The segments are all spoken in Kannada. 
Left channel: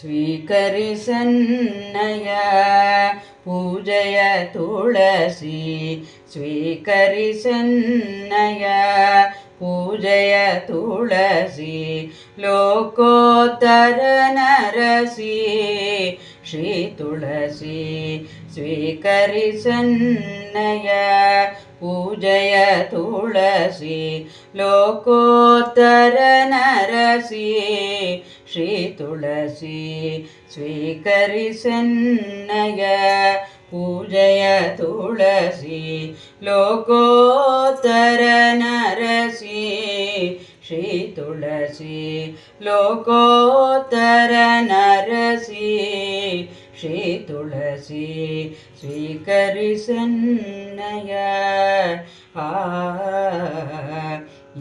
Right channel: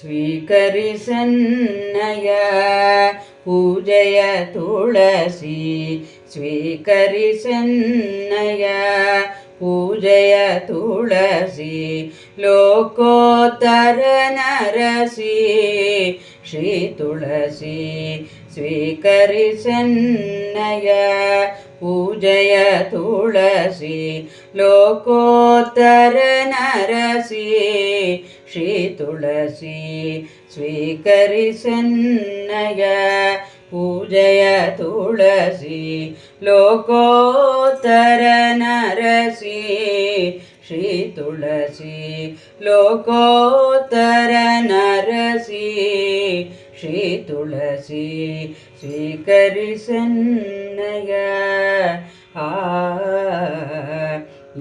ಸ್ವೀಕರಿಸನ್ನಯ ಪೂಜೆಯ ತುಳಸಿ ಸ್ವೀಕರಿಸನ್ನಯ ಪೂಜೆಯ ತುಳಸಿ ಲೋಕೋತ್ತರ ನರಸಿ ಶ್ರೀ ತುಳಸಿ ಸ್ವೀಕರಿಸನ್ನಯ ಪೂಜೆಯ ತುಳಸಿ ಲೋಕೋತ್ತರ ನರಸಿ ಶ್ರೀ ತುಳಸಿ ಸ್ವೀಕರಿಸನ್ನಯ ಪೂಜೆಯ ತುಳಸಿ ಲೋಕೋತ್ತರ ನರಸಿ ಶ್ರೀ ತುಳಸಿ ಲೋಕೋತ್ತರ ನರಸಿ ಶ್ರೀ ತುಳಸಿ ಸ್ವೀಕರಿಸನ್ನಯ ಆ,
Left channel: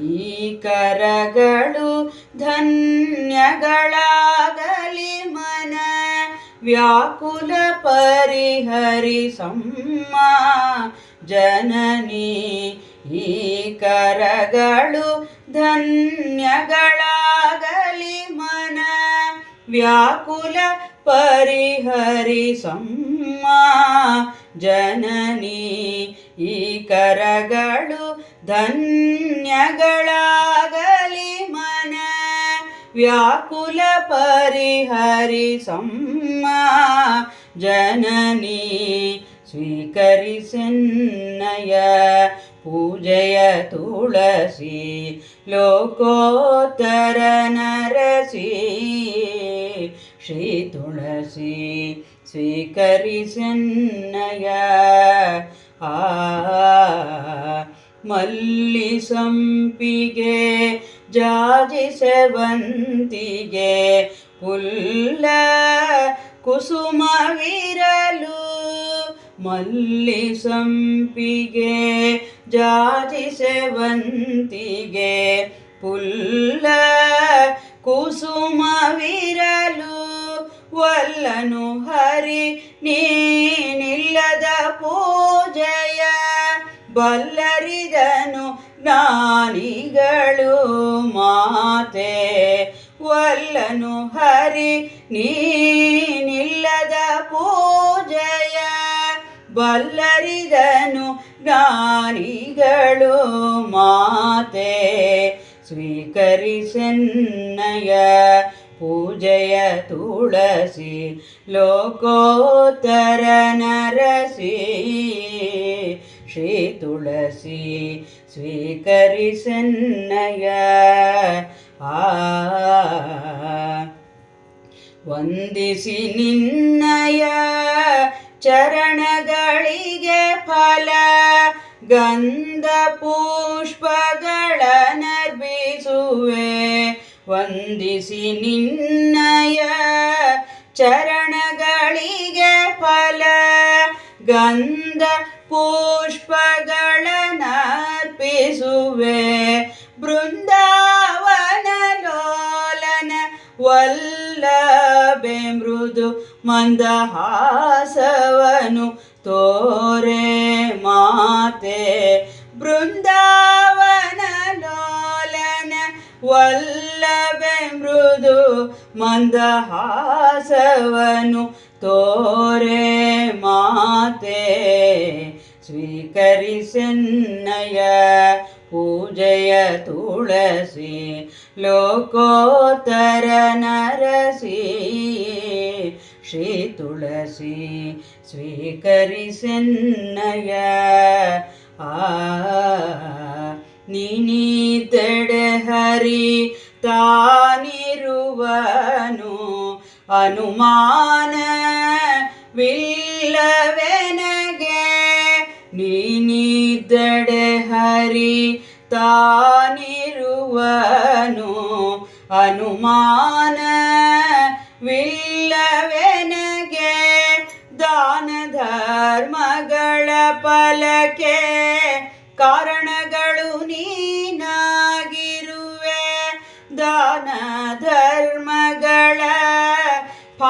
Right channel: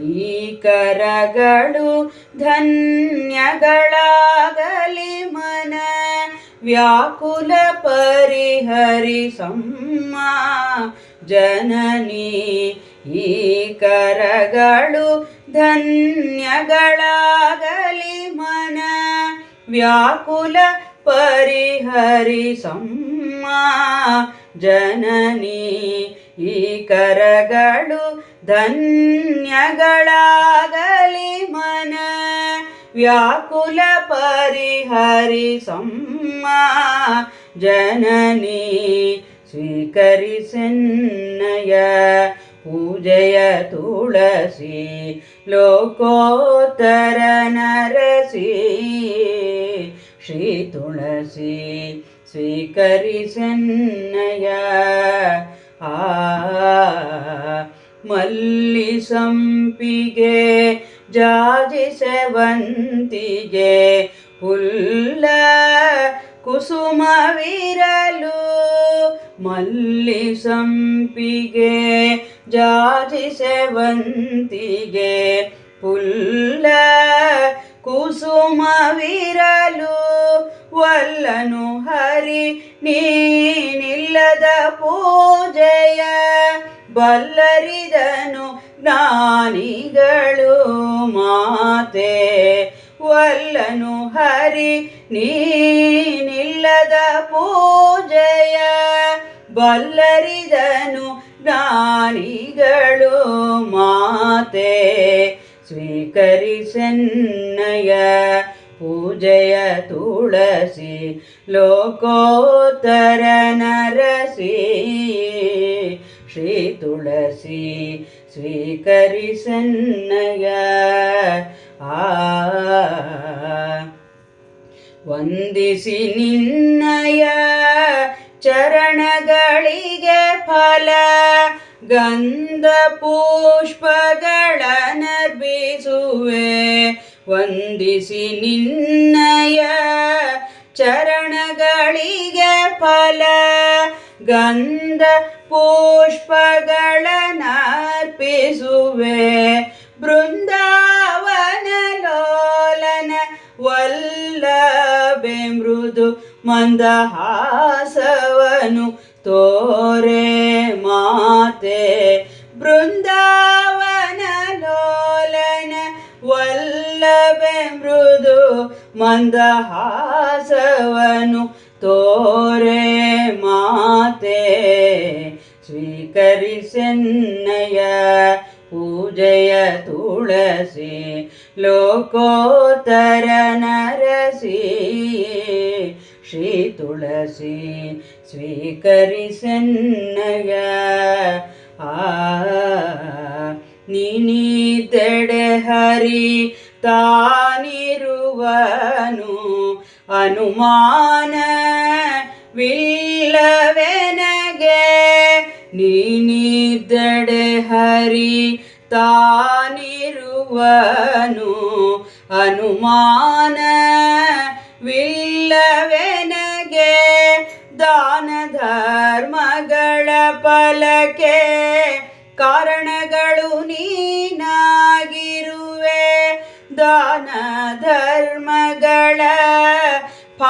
ಈ ಕರಗಳು ಧನ್ಯಗಳಾಗಲಿ ಮನ, ವ್ಯಾಕುಲ ಪರಿಹರಿ ಪರಿಹರಿಸಮ್ಮ ಜನನಿ. ಈ ಕರಗಳು ಧನ್ಯಗಳಾಗಲಿ ಮನ, ವ್ಯಾಕುಲ ಪರಿಹರಿಸಮ್ಮ ಜನನಿ ಈ ಕರಗಳು ಧನ್ಯಗಳಾಗಲಿ ಮನ ವ್ಯಾಕುಲ ಪರಿಹರಿಸಮ್ಮ ಜನನಿ ಸ್ವೀಕರಿಸನ್ನಯ ಪೂಜೆಯ ತುಳಸಿ ಲೋಕೋತ್ತರ ನರಸಿ ಶ್ರೀ ತುಳಸಿ ಸ್ವೀಕರಿಸನ್ನಯ. ಆ ಮಲ್ಲಿ ಸಂಪಿಗೆ, ಜಾಜಿ ಸೇವಂತಿಗೆ, ಪುಲ್ಲ ಕುಸುಮವಿರಲು ಮಲ್ಲಿ ಸಂಪಿಗೆ, ಜಾಜಿ ಸೇವಂತಿಗೆ, ಪುಲ್ಲ ಕುಸುಮವಿರಲು ವಲ್ಲನು ಹರಿ, ನೀನಿಲ್ಲದ ಪೂಜೆಯ ಬಲ್ಲರಿದನು ನಾನಿಗಳು ಮಾತೆ. ವಲ್ಲನು ಹರಿ, ನೀನಿಲ್ಲದ ಪೂಜೆಯ ಬಲ್ಲರಿದನು ಜ್ಞಾನಿಗಳು ಮಾತೆ. ಸ್ವೀಕರಿಸನ್ನಯ ಪೂಜೆಯ ತುಳಸಿ ಲೋಕೋತ್ತರ ನರಸಿ ಶ್ರೀ ತುಳಸಿ ಸ್ವೀಕರಿಸನ್ನಯ ಆ ವಂದಿಸಿ ನಿನ್ನಯ ಚರಣಗಳಿಗೆ ಫಲ ಗಂಧ ಪುಷ್ಪಗಳ ನರ್ಬಿಸುವೆ ವಂದಿಸಿ ನಿನ್ನಯ ಚರಣಗಳಿಗೆ ಫಲ. ಗಂಧ ಪುಷ್ಪಗಳ ನರ್ಪಿಸುವೆ ಬೃಂದಾವನ ಲೋಲನ ವಲ್ಲಭೆ ಮೃದು ಮಂದಹಾಸವನು ತೋರೆ ಮಾತೆ. ಮಂದಹಾಸವನು ತೋರೆ ಮಾತೆ ಸ್ವೀಕರಿಸನ್ನಯ ಪೂಜೆಯ ತುಳಸಿ ಲೋಕೋತ್ತರ ನರಸಿ ಶ್ರೀ ತುಳಸಿ ಸ್ವೀಕರಿಸನ್ನಯ ಆ ನೀನಿದೆಡೆ ಅನುಮಾನವಿಲ್ಲವೆನಗೆ ನೀನಿದ್ದಡೆ ಹರಿ ತಾನಿರುವನು. ಅನುಮಾನ ವಿಲ್ಲವೆನಗೆ ದಾನ ಧರ್ಮಗಳ ಫಲಕ್ಕೆ ಕಾರಣಗಳು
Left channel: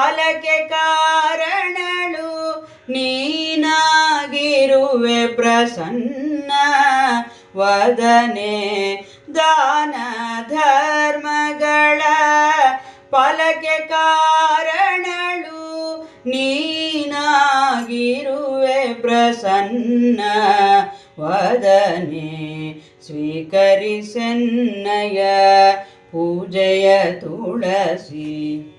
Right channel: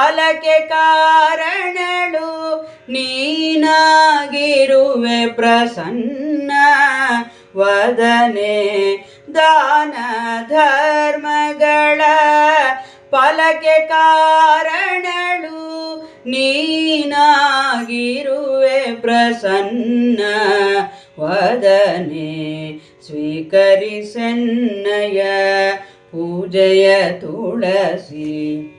ಫಲಕ್ಕೆ ಕಾರಣಳು. ನೀನಾಗಿರುವೆ ಪ್ರಸನ್ನ. ವದನೆ ದಾನ ಧರ್ಮಗಳ ಫಲಕ್ಕೆ ಕಾರಣಳು. ನೀನಾಗಿರುವೆ ಪ್ರಸನ್ನ. ವದನೆ ಸ್ವೀಕರಿಸನ್ನಯ ಪೂಜೆಯ ತುಳಸಿ.